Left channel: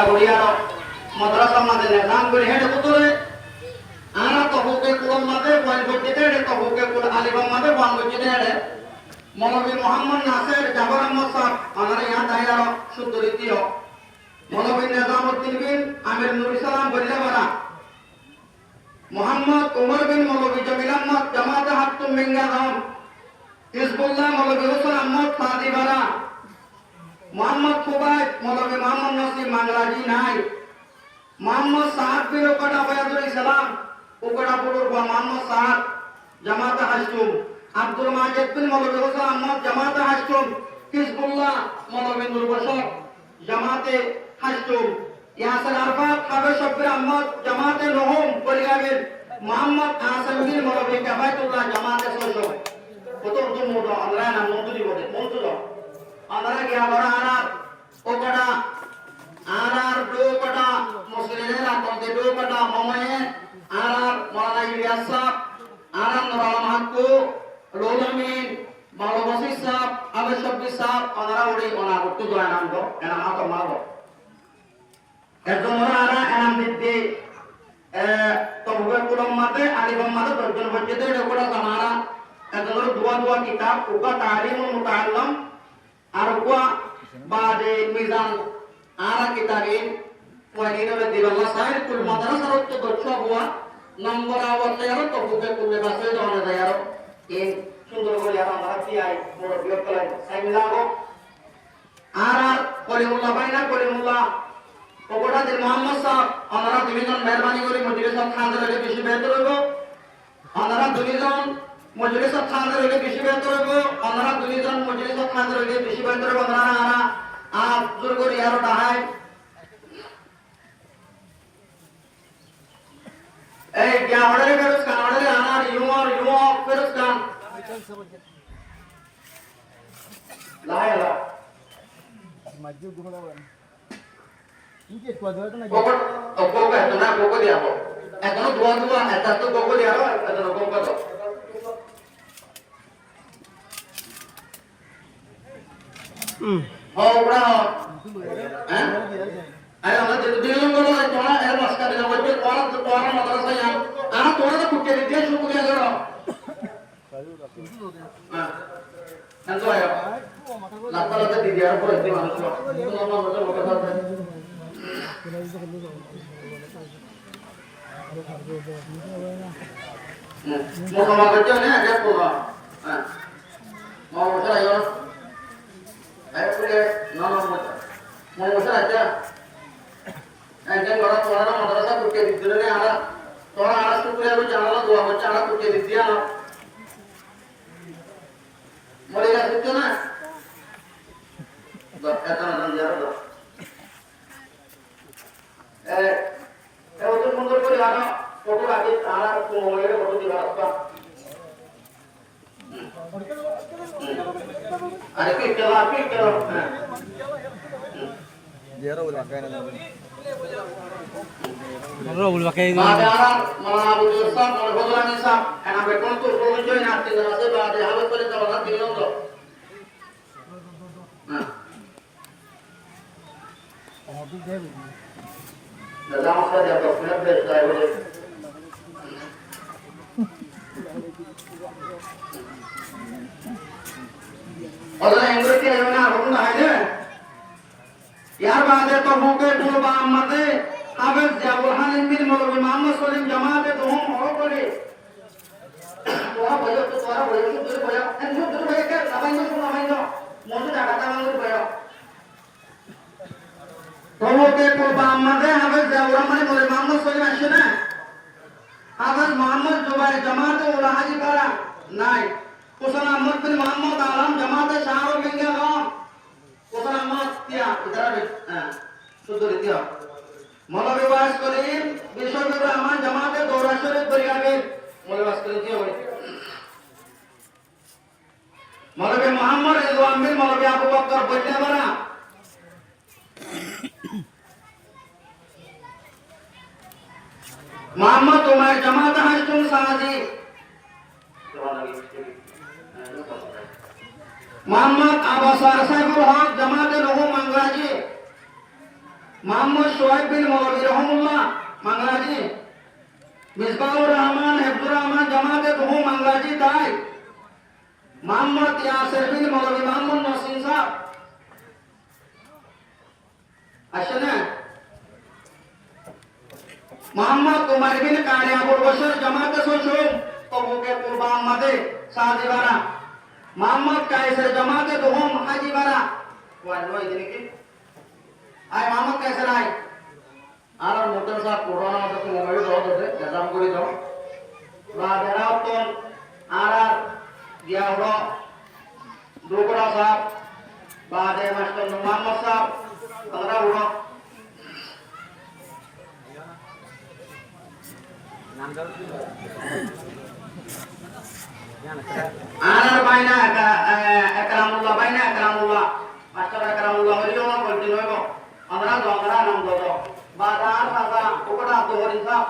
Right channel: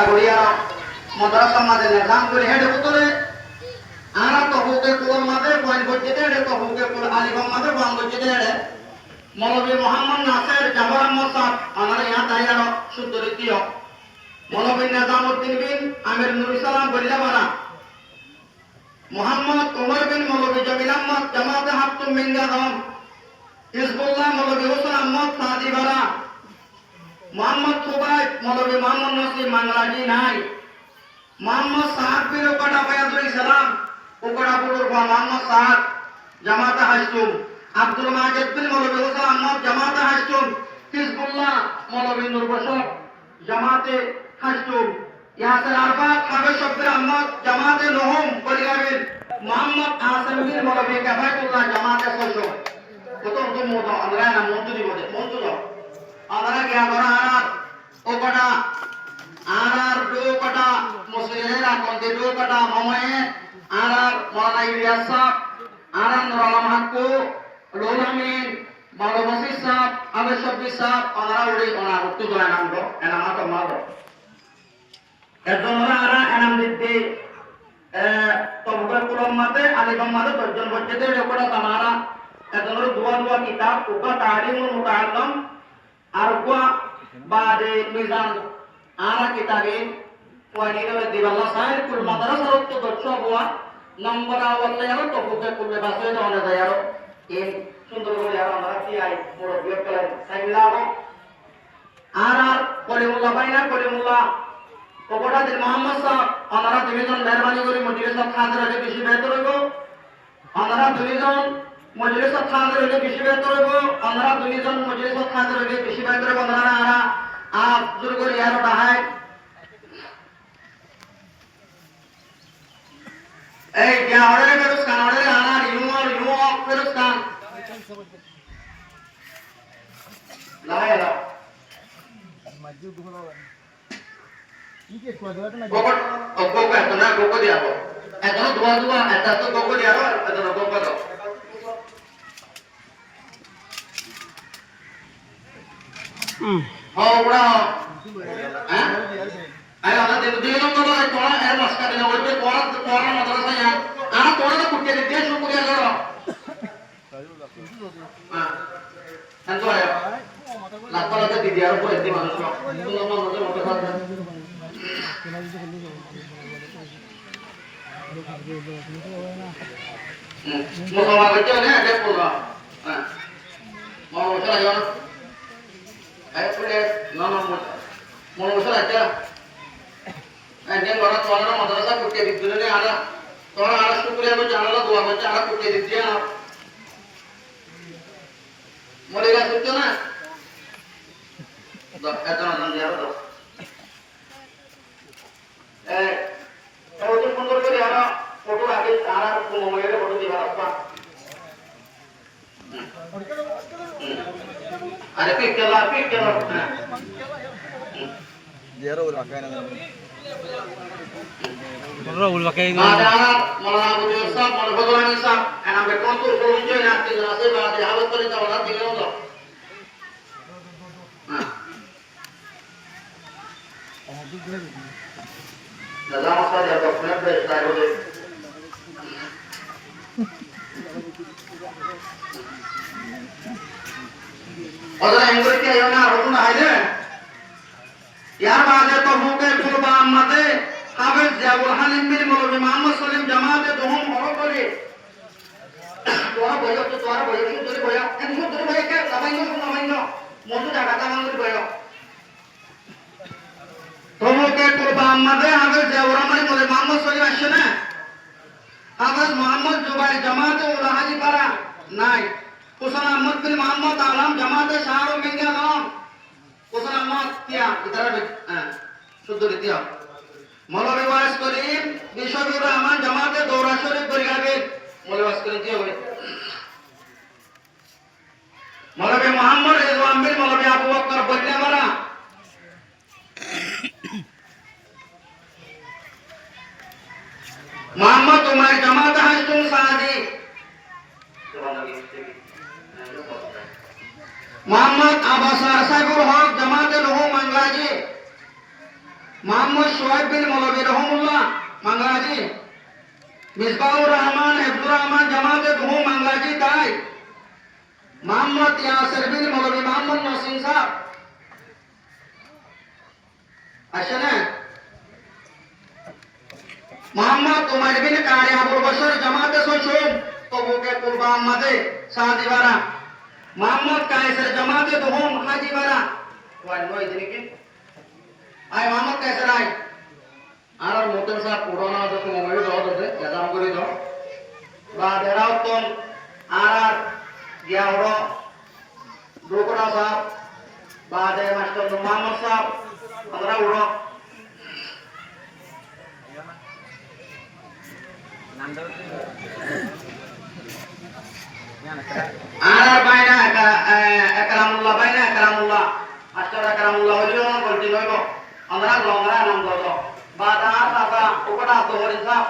কাগড়িয়া মাদ্রাসা মাঝে নিজাম করে হেডে পুতুলে আনা তহুকে কুল মাঝে পয়েন্ট করতে হেডে তহুকে কুল আলিগম মাঝে বন্ধ করতে হেডে মৌলভী মোহাম্মদ নাসির জামাল আহমদ সাহেব আমাদের ইহা তাইয়ার সুন্দরীয় মৌলভী নিজামউদ্দিন বিন আমির নুর ইসলাম বল্লাবারা মোহাম্মদ উমর বিন মৌলভী জমিল আহমদ জামাতে হাতুম মিঙ্গাদম হিজবুল্লাহ মৌলভী হোসেন আহমদ সাদিবারা মোহাম্মদ সুবাইব মৌলভী মোহাম্মদ নসিব মাংলাজি নাই মোহাম্মদ সাহাব বিন ওকড়া বায়াদুল ইসলাম ওকড়া পুরুর মোহাম্মদ সাহাব জামাতে হাসতুম আব্দুল মাজিদ বিন মৌলভী হোসেন আহমদ জামাতে হাসতুম হিজবুল্লাহ মৌলভী নূর বশর জামাতে হাসতুম ইয়াসির আরফাত কাবে শব্বির আহমদ জামাতে নহম পরিগামিল মোহাম্মদ আসিম বিন মৌলভী কাফায়তুল্লাহ জামাতে সশো কত কত মতো আল্লাহ নাম মন্তুরি বলে মন্তুর আদারা গিয়া করা আনার দো কটা মুসলিমের আকন্তে দো কটা মময়ে আনার মাওলানা ইলিয়াস সাহেব আনার নূর আলম হাক্কু রুহুল আমিন মাওলানা ওয়াসিফ সাহেব আবে শব্বির সাহেব আমরা ওই ওনা উত্তর করে নাম গো এনা মাতো মারো একজন ওরা এনাম দিতে তবুকে কুলম মাতে আলিগম মাতে দর্জন বজ্জেতে রেকর্ড সামানা একজন দুয়া কিতাব উকা তারিমুল মুতাআল্লাম আর উকা বাদে মিজান আরা কিতাবিন ওয়াদিনুল দিবাল্লাহ সাহেব কুল মাদ্রাসার তো দর্শ হওয়া নম্বর আওয়ালে আর তবুকে কুলে বাসে দনে যায় আর এই সুন্দর করে আমরা কি আই পুরো বিয়োগ করেন সাইলাও আর কলিমুল্লাহ বাইনা কলিমুল্লাহ ওকড়া দিন মোহাম্মদ সাহেব আমরা দুইজন মেহরবানি করে মজলিস সাহেব খানদের আগে বেশি বেহতর হইব আমরা দুইজন মজলিস সাহেব খানদের আগে বেশি বেহতর হইব আমরা দুইজন মজলিস সাহেব খানদের আগে বেশি বেহতর হইব আমরা আপ শুরু করি আর তাহাই এই क्या ऑर्डर है फिर उसका ऑर्डर आना यू फिर उसका लाया ला मस्जिद दुखला इनके क्वाड्रेट ना गोको तो ना गोको दिया को एतो दुआ एता तो गोको दिया रो एतो गोको तो हो बड़ा हैं अरे আমরা দিন করে তোরা এর রাস্তা দিনা বলবে তোরা মাদ্রাসা ইয়া আনা তোরা তো কুটিয়ে দিতে শুরু করে দাও হ্যাঁ আনতো আয় লাপালাতে দিদি আর পরে দিতে মানুষ তোমরা মতো মতো করবে মোটা বাচ্চা না আগে পড়বা হ্যাঁ মোটা আয় আয় পড়ে না মোটা আচ্ছা একজন বড় তোরা মাদ্রাসা কুটিয়ে দিছিল রে আরা তোরা আরা শুকুরে হবে জানালা দোয়া হচ্ছে আরা কুটিয়ে দিচ্ছি না মরে গেছে না এত না জানো তো এত সুন্দর করে আরা ফটো আগে আরা মোবাইলে ফটো দিবা রাস্তা আরে কি কেলা দিয়ারো লাগায় না Raul pakai ini. Madana Maulana Musa Maulana Nisa enak betul tuh solusi nanti nanti pada habis pada tahun nanti lo tuh. Nah. Dalam sekali ada punya best dari itu. Orang yang berarti ayam nak rukun aja. यार बात तो होके कुर्बा अम्मते हाफिज जाबुल हालिम बिन मौलवी मोहम्मद सलीम जमाते दोहम और बोले तोरा बोलो तो तोरा बोलो तो तेरे बोलो एंजो तेरे बोलो के नमाइनो मोटू जागा का मांगुर बोलो तो होके कुर्बा अम्मते हाफिज जाबुल हालिम मौलवी मोहम्मद सलीम आशना हाफिज मोहम्मद जुबाई जमाते उला हाजी पारा नाई हुसैन अहमद बिन मोहम्मद आलम जमाते शाहरुख मिंगा गांव কোন নাম তিয়া ইতারা শুদ্ধ রিতিয়া মৌলভী ওয়াইস করিম বিশ্ববির রহমান জামাতে দৌরা শরীফ পরিগামী মৌলভী ওয়াইস করিম জি হবে মৌলভী মোহাম্মদ রিজওয়ান বিন মৌলভী আবু বকর বল্লাবারা মোহাম্মদ উমার জামাতে হাসতুম সাদি মোহাম্মদ আবাসার সাহেবুল হক জামাতে রহু মাংলাজি মোহাম্মদ সোহাইব বিন মৌলভী রহমুল্লাহ মাংলাজি, মিসবাহুর রহমান হেফজুর রহমান জামাতে বহু মাংলাজি তাই, মোহাম্মদ ইয়াসির বিন মৌলভী মোহাম্মদ নসিম সাহেব আসলে মোহাম্মদ উমর বিন কারি আবুল বশর জামাতে সুসুম তবুকে কুরবা আহমদে সাদিবারা, মোহাম্মদ কায়সার জামাতে বহুম হাজিবারা ওয়ান ওই দিনকে আই মোহাম্মদ কায়সার আই আর নতুন সাহেব পুরোনো যত মোবাইল দাও দে দাদা করে দাও বা বেরাও তো আর দিয়া হলো দুকড়া সাহেব বা দে মাস্টার মোহাম্মদ সাহেব আমরা উড়ো আর বাইনা আকরামুল্লাহ বাইনা আকরামুল্লাহ মাস্টার আকরামুল্লাহ হইলো বলতে হইব আমরা লংরা নাম দাও বাদা দাদা ওকটা তো হরিন সাহেব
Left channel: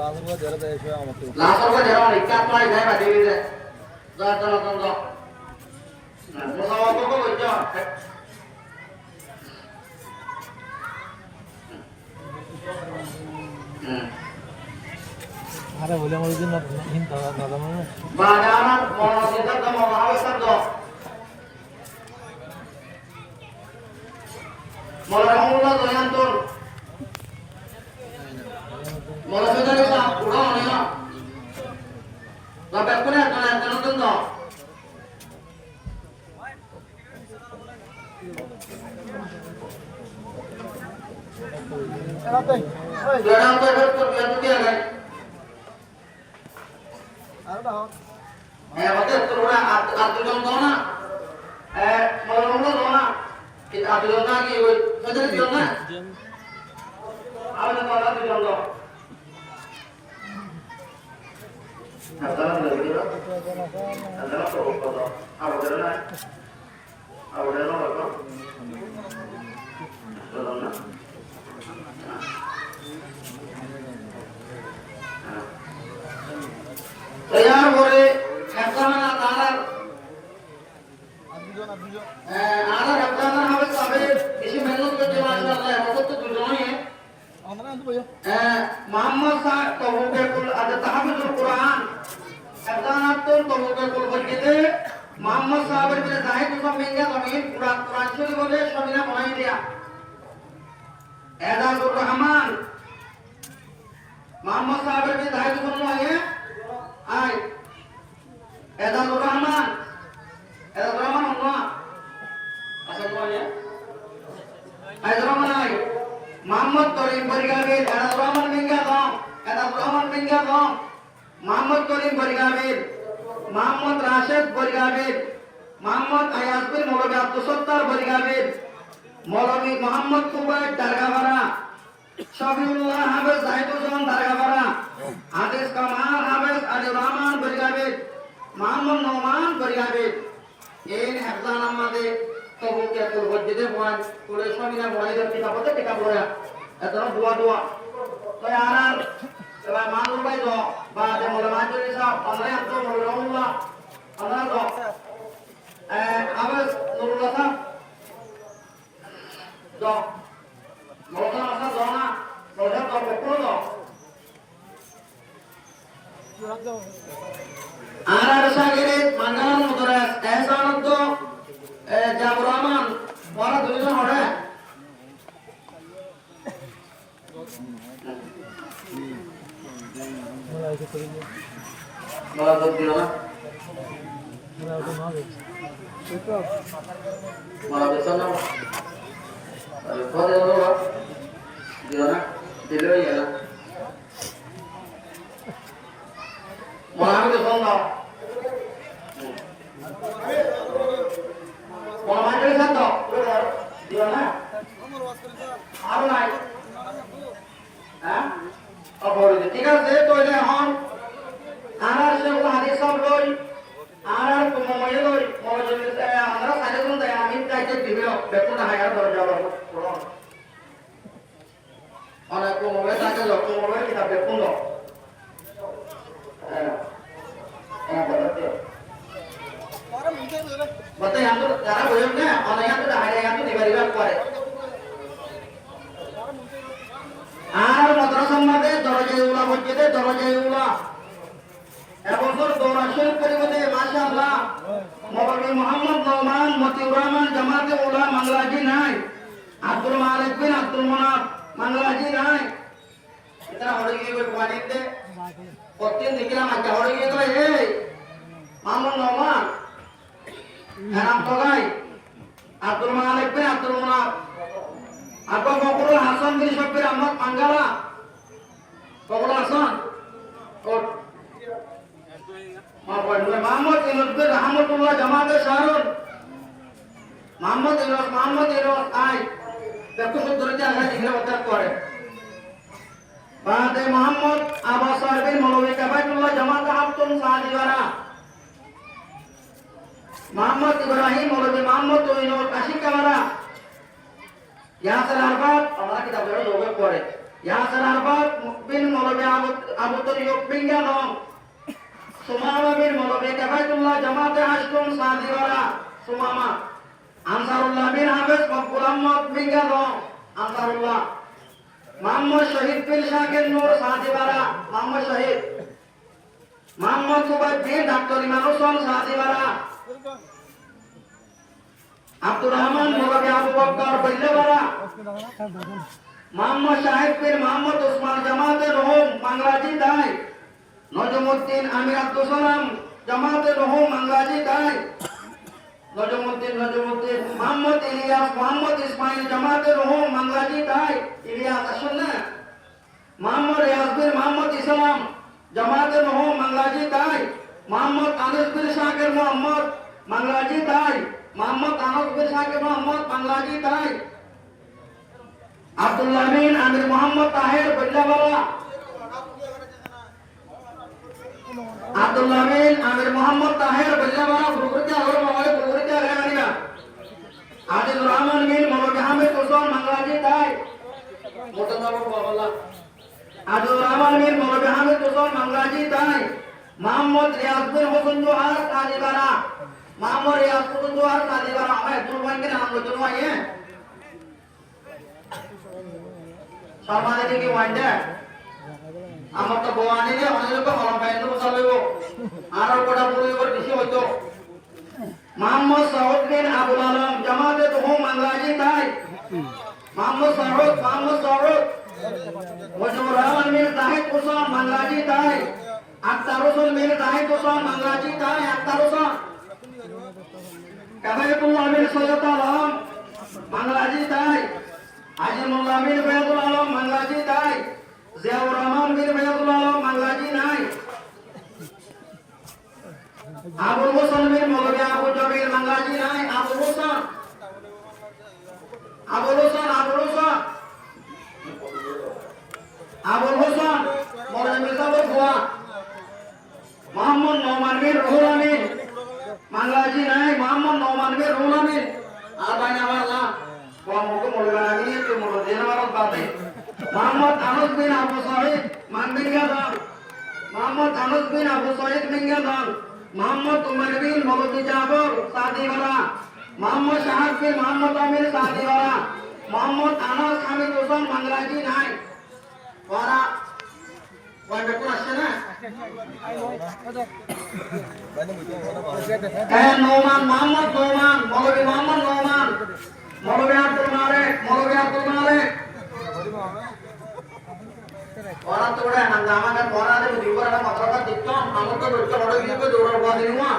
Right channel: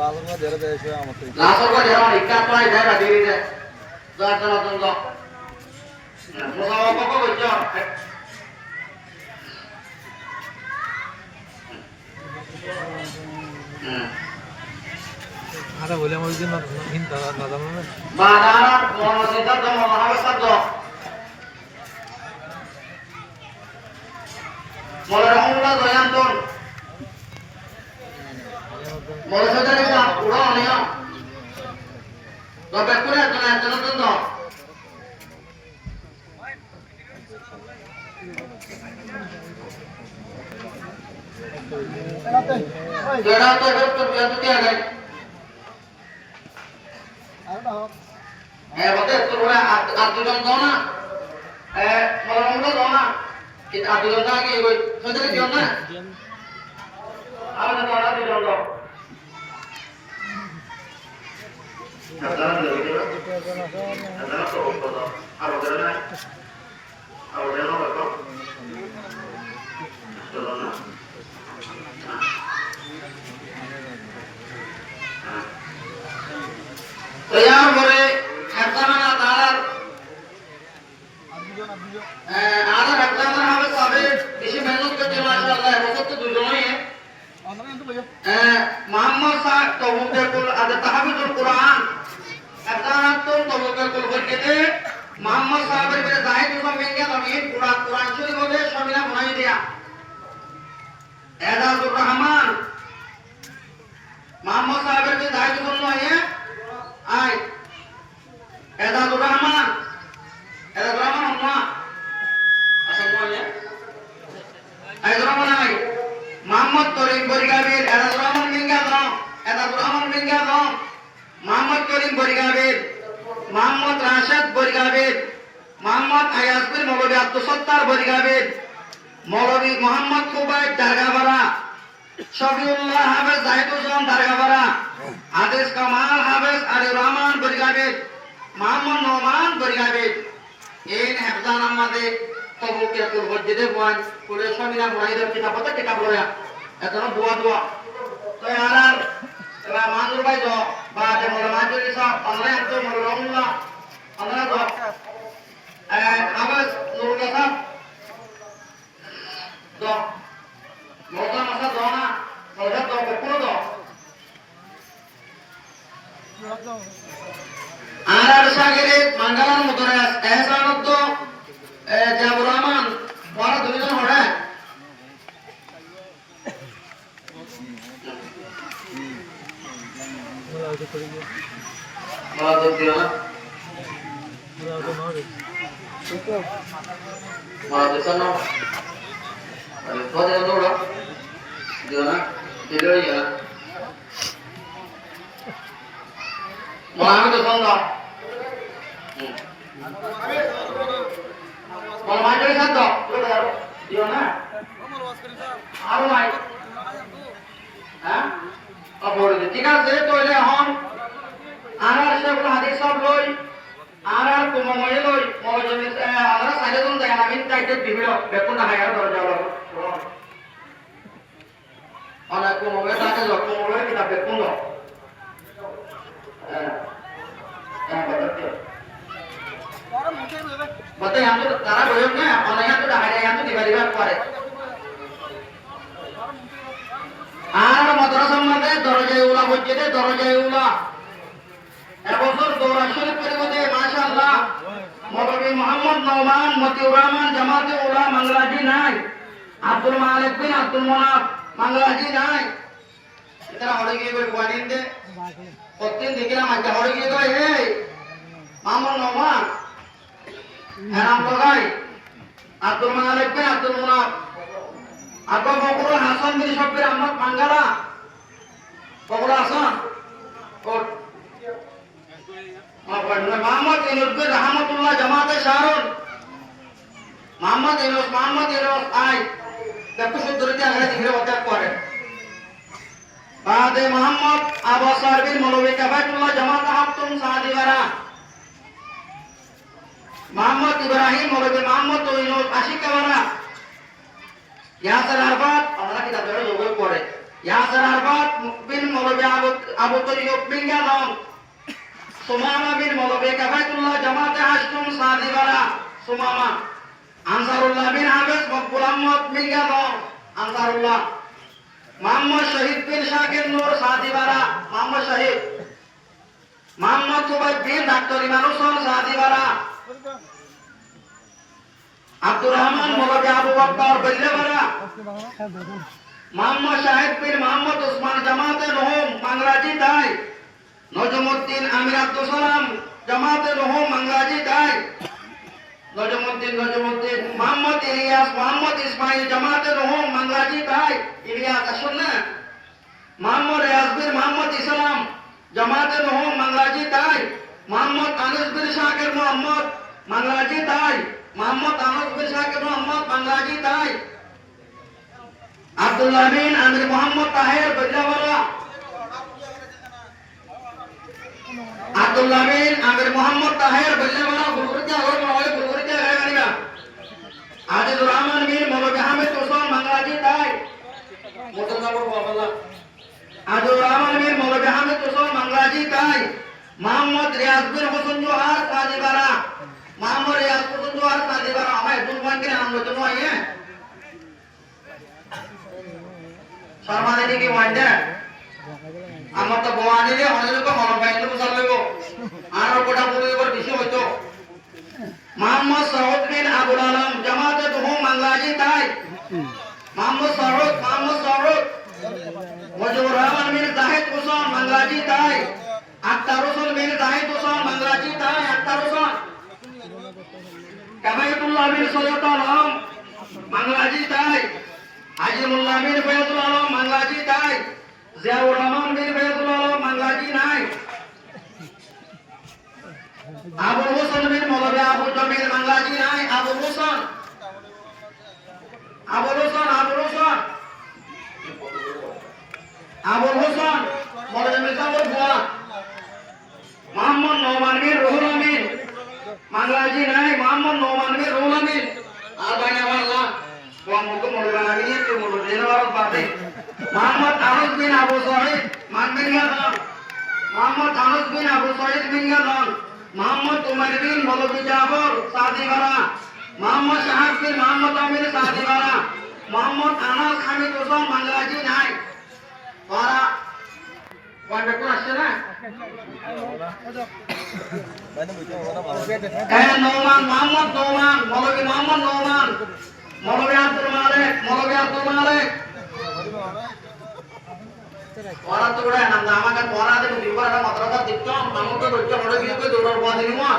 লালঙ্গা দেড় দেশে আমাকে লাসর को जरा इक्का तो है जरा देवी दे जो चलो तुम जो मुसावा को जो আরে বলে আমার দিন হিন দাদা দাদা মানে বাদানা মনোসিতা তো মহাবসা जो মরহুমুল্লাহ দয়ান্তন মরসিতা রে পুরো নিয়া তবে করে একজন তো যেটা তো করতে বিয়াত দিয়া গই আর দাও বলতে তোরা আব্দুল দাও না মরহুমুল্লাহ দাও না কিন্তু আব্দুল দাও কি ওই সদরে দিও না আমাদের তো আব্দুল দাও Adalah dari itu, adalah produk. Apa kerana? Apa kerana apa? Kerana. Saya boleh hafzahnya talar. Ada hafzahnya habis habis. Isi menu kerja masalah. Rokok tu dulu ni. Muhammad Sahib Tawbul ada tahfidul Quran. একদানাতুন তবকাতুল বলতে মোহাম্মদ সাহেবের বিরে জাহিদ ইসলাম মেঙ্গা জমিন কুরআন শরীফ মধ্যে সবিনা বানাই দিয়া এজাজুর রহমান মোহাম্মদ সাহেবের বিরে জাহিদ ইসলাম আইয়ে I এজাজুর Rahman না আসল বলে এজাজুর রহমান আই মোহাম্মদ তরিম বরিগাবির এজাজুর রহমান মেঙ্গা দাও এজাজুর রহমান মেঙ্গা দাও মোহাম্মদ করিম বরিগাবির মোহাম্মদ রাশেদ বরিগাবির মোহাম্মদ আয়াসবির মৌলভী আব্দুল সত্তার বরিগাবির মৌলভী মোহাম্মদ কুবাইব দারগাপাড়া শফিউল্লাহ হাফেজ জাহিদুজ্জামান দারগাপাড়া হাদিস কামাল হাফেজ আলী রহমান বরিগাবির মোহাম্মদ নোমান বরিগাবির এই হেফজান আমাদের তবুকিয়াতুল মসজিদে বয়ান পুরো সমিনা বয়াইদের কিতাবতে কিতাব লয়া এতনো বুয়া দুয়া তো আর এবার মানুষ ভাই জ বা যে মোলামাতুল ইসলাম অনলাইন তো মোলামুল্লাহ আমরা জ আবাস নুরুল হাসান জ মোটা মাসা জ না মোটা জ বকুল জ আর সাগরে মঙ্গলান মুদরাস এহসানুদ্দ জাবুর রহমান বড় দুইজন হড়ে Malah tuh dia lah. Malah tuh sana. Kalau kau dia tu lah, dia nak dia ya. Malah tu sana. Malah tu sana. Dia nak. Apa? Hah? Apa boleh? Tiga saya tu le ham. Anak saya hadis sampai. Anak tu mau loi. Mau jenis anak saya tu dah amin tak jadi bibir. Betul nak hayat berjawab. Anak tu mau tak jadi tu mau kita betul loh. Betul. Orang mungkin বলতে আমি তারা বলুন না অনেক তো হাইরে আমি দিবারিবা করে আর মাদ্রাসার মধ্যে দরজায় উলা বইতে দরজায় উলা এবছর দৌড়া শরীফ পরিবর্তে মাশাআল্লাহ মৌলভী মোহাম্মদ নওমান মতিউর রহমান জামাতে উলা মাংলাজি নাই আব্দুল মালিক বিন আব্দুল মুনাফ মাংলাজি নাই এটা হড়ে গিয়ে বাড়িতে দে প্রতিদিন দেখিলাম আজ হড়ে গিয়ে কই এই মামুন নওমান এনাম তোগাই আব্দুল মালিক বিন আব্দুল মুনাফ আব্বা বকরুল হাসান বিন শব্বির আহমদ পাঙ্গালা বকরুল হাসান কোট মোহাম্মদ ইনুদ্দিন রহমতুল্লাহ জামাতে শাহরুল মোহাম্মদ ইনুস আই দেখো সুন্দরী আগে দিলে ওটা করে বাদে মোহাম্মদ আবু সাহেব মৌলভী কাফাতুল্লাহ জামাতে হাফতুম সাদিওয়ারা মোহাম্মদ ইব্রাহিম মৌলভী মোহাম্মদ ইনুস আশিকাওয়ারা ইয়াসির আরফাত আমরা কি তাদের লোক পড়ে ইয়াসির আরফাত বিন মৌলভী আবু তরিক বিন গানম সুমামা বিন মৌলভী কাফাতুল্লাহ জামাতে হাশতুম সাদিওয়ারা সুমামা আনসারুল্লাহ বিন হাফেজ মকবুল আহমদ বিন গানম আনসারুল্লাহ মোহাম্মদ শহীদ বিন শাকির নূর সাদিওয়ারা মোহাম্মদ শহীদ মোহাম্মদ সুবাইদ বিন ডাক্তার ইমান হোসেন সাদিওয়ারা আব্দুর রহমান মৌলভী আবু বকর বল্লেওয়ারা মোহাম্মদ শাহিদ বিন মোহাম্মদ ওসমান জামাতে রহুম মাংরাজি দাই নজমুদ্দিন আমির আব্দুল সালাম জামাতে রহুম মাংরাজি দাই নজমুদ্দিন মোহাম্মদ ইলিয়াস মোহাম্মদ ইসমাইল জামাতে রহুম মাংরাজি দাই ইলিয়াস আসুন না মোহাম্মদ রিয়াজবির মোহাম্মদ ইসলাম জামাতে রহুম মাংরাজি দাই মোহাম্মদ আনিস বিন শাকির মোহাম্মদ মাংরাজি দাই মোহাম্মদ আহমদ বিন শাকির মোহাম্মদ মাংরাজি দাই আব্দুল্লাহ বিন আমির মোহাম্মদ তাহের বল্লাওয়ালা আব্দুল্লাহ বিন আমির মোহাম্মদ তাহের বল্লাওয়ালা গুরুতে আর মোয় গুরুতে গানিবা আজিজুর রহমান বিন মৌলভী আহমেদ হোসেন মাংরাজি দাই মোতাল্লাহ বাবাল্লাহ আজিজুর রহমান বিন মৌলভী আহমেদ হোসেন মাংরাজি দাই মোহাম্মদ রিয়াজ বিন হোসেন জোহার কাদিবারা মোহাম্মদ রিয়াজ হোসেন জোহার কাদিবারা আমার দুর্বান के नाम लो तो आइए শর্মা দেবী কি ওয়ান্ডে আমার তো বওয়ানি রে অনেক তো মন পাইলে তো চলবে আর কোটা পুরো করে বেশি হতো মোহাম্মদ সাউদ বিন আবুল আলম জামাতে তো মাংলাজি তাই মোহাম্মদ সাউদ মুজিবুর রহমান বিন জাহিদ হোসেন মাংলাজি তাই আক্তার হোসেন বিন জাহিদ হোসেন মাংলাজি তাই আক্তার হোসেন কামাইতুল্লাহ বিন সৈয়দ আলম মাংলাজি তাই আজিমুল্লাহ বিন ফয়জুল আলম মাংলাজি তাই জিয়াউর রহমান বিন ফয়জুল আলম মাংলাজি নাই আবুল হোসেন বিন মৌলভী আবু জমিল মাংলাজি নাই আবুল হোসেন মৌলভী মির্জাপুর ভুয়া মোহাম্মদ নোমান বিন রুহুল আমিন মাংলাজি নাই মোহাম্মদ নোমান বিন রুহুল আমিন আর বাইনা আল্লাহ ওয়ামুক মৌলানা তো মৌলানা বাদে মোহাম্মদ আনুস বিন আবু সাঈদ মানবিঙ্গাদান মোহাম্মদ আনুস বিন আবু সাঈদ মিঙ্গাদান মোহাম্মদ উমর বিন মৌলভী জাফর সাদিওয়ারা মোহাম্মদ শাহাব বিন মোহাম্মদ আমির সাদিওয়ারা মোহাম্মদ আনাস হামিদ হোসেন মাংলাজি নাই ওরা ওই বেটু আসছে না নোমান মোহাম্মদ নোমান মৌলভী মোহাম্মদ নোমান মৌলভী আব্দুল মালিক ওরা তো ওরা নাম আমাকে ওরা দে দিবার মাত্রাটা দিতাম আমাকে রোজা বড় গিয়ে দৌড়ার বাদ দিমা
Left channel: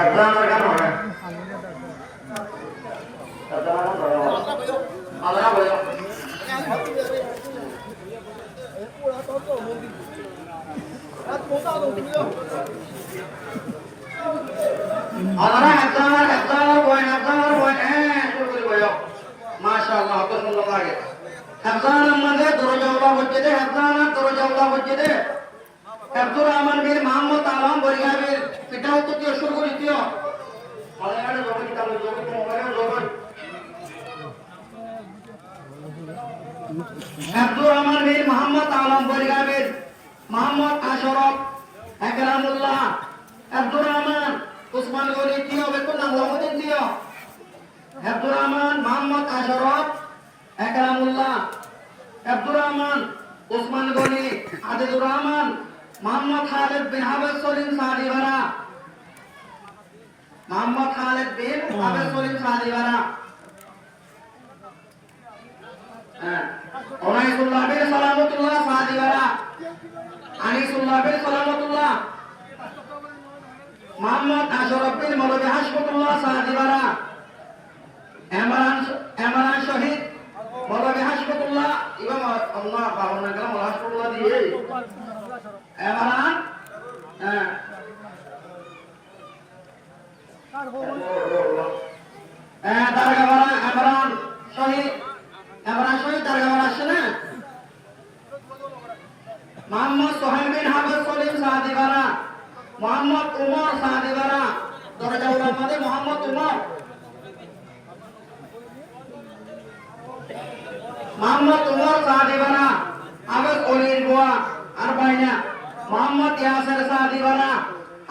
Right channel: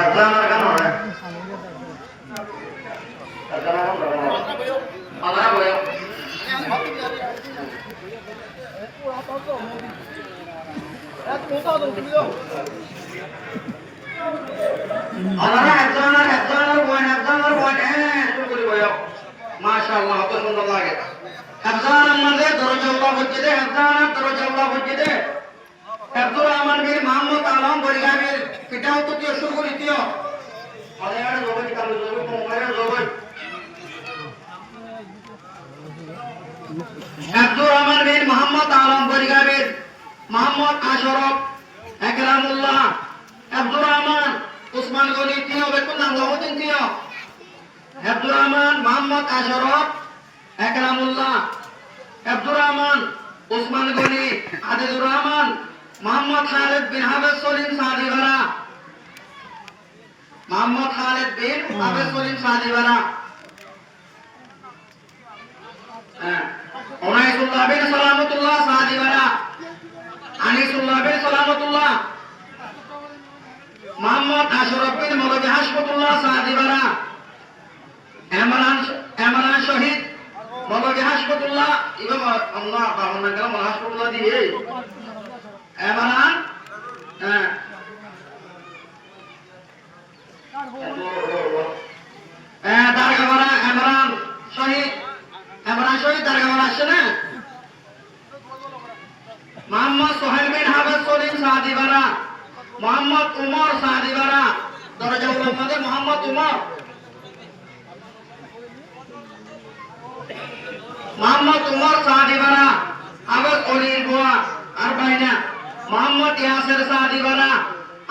আল্লাহর গান হয় আল্লাহ বলে মাশাআল্লাহ কত সুন্দর লাগে হাফজানের মধ্যে দরজাওয়ালা হচ্ছে দে হাফজানের দরজাওয়ালা হচ্ছে দে আব্দুর রহমান বিন মোহাম্মদ আলম বরিগাবির এটাও তো কি শুরু করে দিও আলায়ার লোক কি কালো লোক মোবাইল লোক আব্দুর রহমান বিন মোহাম্মদ আলম বরিগাবির মোহাম্মদ আশরফ একরামুল্লাহ আব্দুর রহমান উসমান গনি তিনিও বেতন নাম লহদিন তিনিও আব্দুর রহমান মোহাম্মদ আশরফ একরামুল্লাহ আব্দুর রহমান উসমান গনি আদিলুর রহমান মোহাম্মদ খালেদ বিন হাফেজ সলিম সাদিবারা মোহাম্মদ খালেদ বিন হাফেজ সলিম সাদিবারা ওনাইসুল্লাহ বিন সালামতুল্লাহ সাদিবারা আনিসুল্লাহ বিন সালামতুল্লাহ মোহাম্মদ আশরাফ বিন মৌলভী হাশমতুল্লাহ সাদিবারা এমরান শহীদ মৌলভী হাশমতুল্লাহ ইমাম আল্লাহ বাবার নাম মৌলভী হাশমতুল্লাহ দিয়ে এমরান দারগাবাড়া এমরান শহীদ দারগাবাড়া আসছে না মোহাম্মদ সোহেল বিন হাফেজ সলিম সাদিবারা মোহাম্মদ উমর সাদিবারা দরজাউল আহমদ মোহাম্মদ উমর সাদিবারা আবেদ অলির গোয়া আর বাইনা মোহাম্মদ ইয়াসির সাদিবারা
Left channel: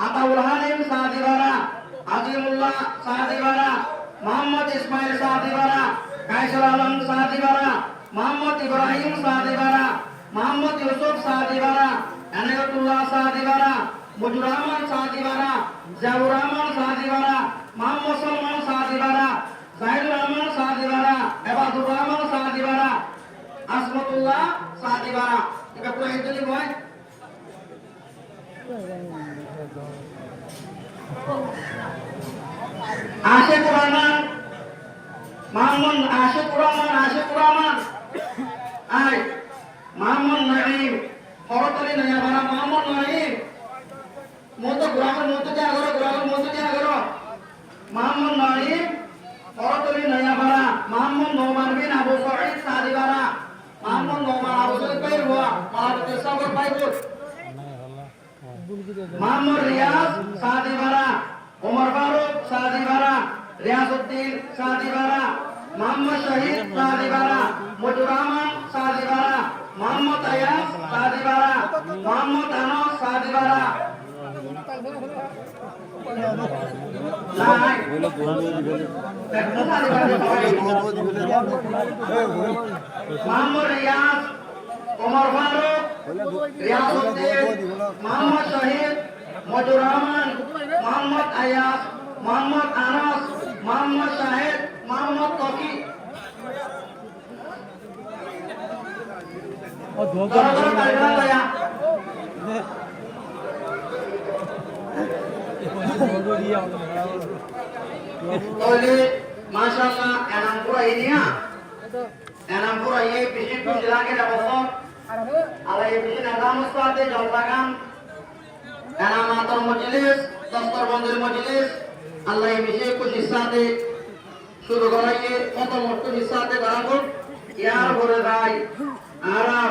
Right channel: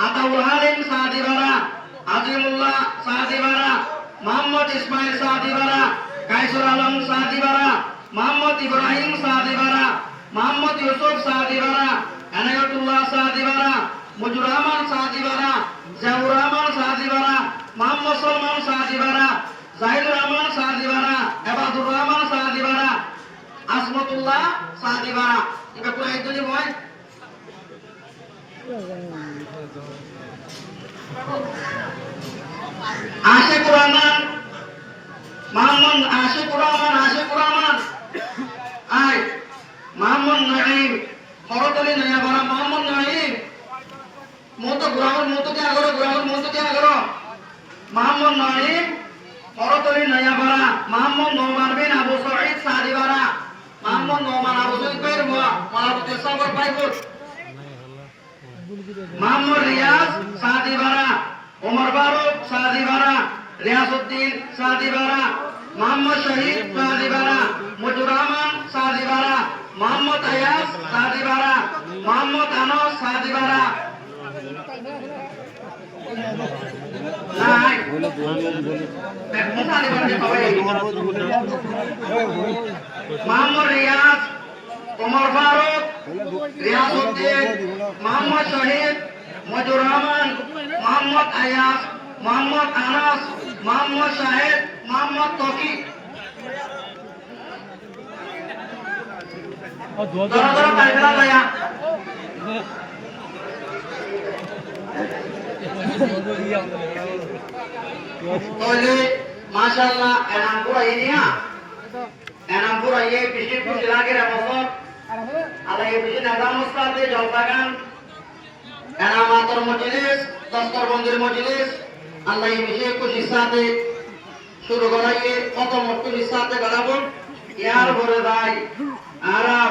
আতাউল হালিম সাদিবারা আজিমুল্লাহ সাদিবারা মোহাম্মদ ইসমাইল সাদিবারা কায়সুল আলম সাদিবারা মোহাম্মদ ইব্রাহিম সাদিবারা মোহাম্মদ ইউসুফ সাদিবারা এনায়তুল্লাহ সাদিবারা মুজিবুর রহমান সাদিবারা জিয়াউর রহমান সাদিবারা মোহাম্মদ সলমান সাদিবারা জাহিদুর রহমান সাদিবারা এবাদুর রহমান সাদিবারা আসমতুল্লাহ সাদিবারা এটা পুরো একদমই বয় আশিকুর রহমান মোহাম্মদ আশিকুর রহমান আই মোহাম্মদ নাঈম হরতলি নয়াবাড়া মোহাম্মদ নাঈম মতো গ্রামের মতো কি আগর মোহাম্মদ নাঈম হরতলি নয়াবাড়া মোহাম্মদ নোমান বিন আবু সাঈদ সাদিবারা মোহাম্মদ নোমান আবু সাঈদ কইর মালাতে সাগর পাইবুর মোহাম্মদ রিয়াজ সাদিবারা ওমর ফারুক সাদিবারা রিয়াসউদ্দিন সাদিবারা মোহাম্মদ শহীদ সাদিবারা মুজিবুর রহমান সাদিবারা মোহাম্মদ আয়াস সাদিবারা মোহাম্মদ আনাস সাদিবারা মোহাম্মদ রিয়াজ ওমর ফারুক রিয়াসউদ্দিন মোহাম্মদ শহীদ মুজিবুর রহমান মোহাম্মদ আয়াস মোহাম্মদ আনাস মোহাম্মদ শাহেদ মোহাম্মদ তৌফিক ধরো তালিকা লয়া ওলে মাশাআল্লাহ এনাম পুরা ইনিয়া এনাম পুরা এই বিশিষ্ট জেলাকে রাখো আর এই বিশিষ্ট আগামসাতে জলবাগান এনামাতুল মজলিস দস্তরবন্দির মজলিস আল্লাহ এই বিশেষ খুশির সাথে শুরু করাইয়ে প্রথম খুশির সাথে করাবো ইয়ার বড় ভাই আর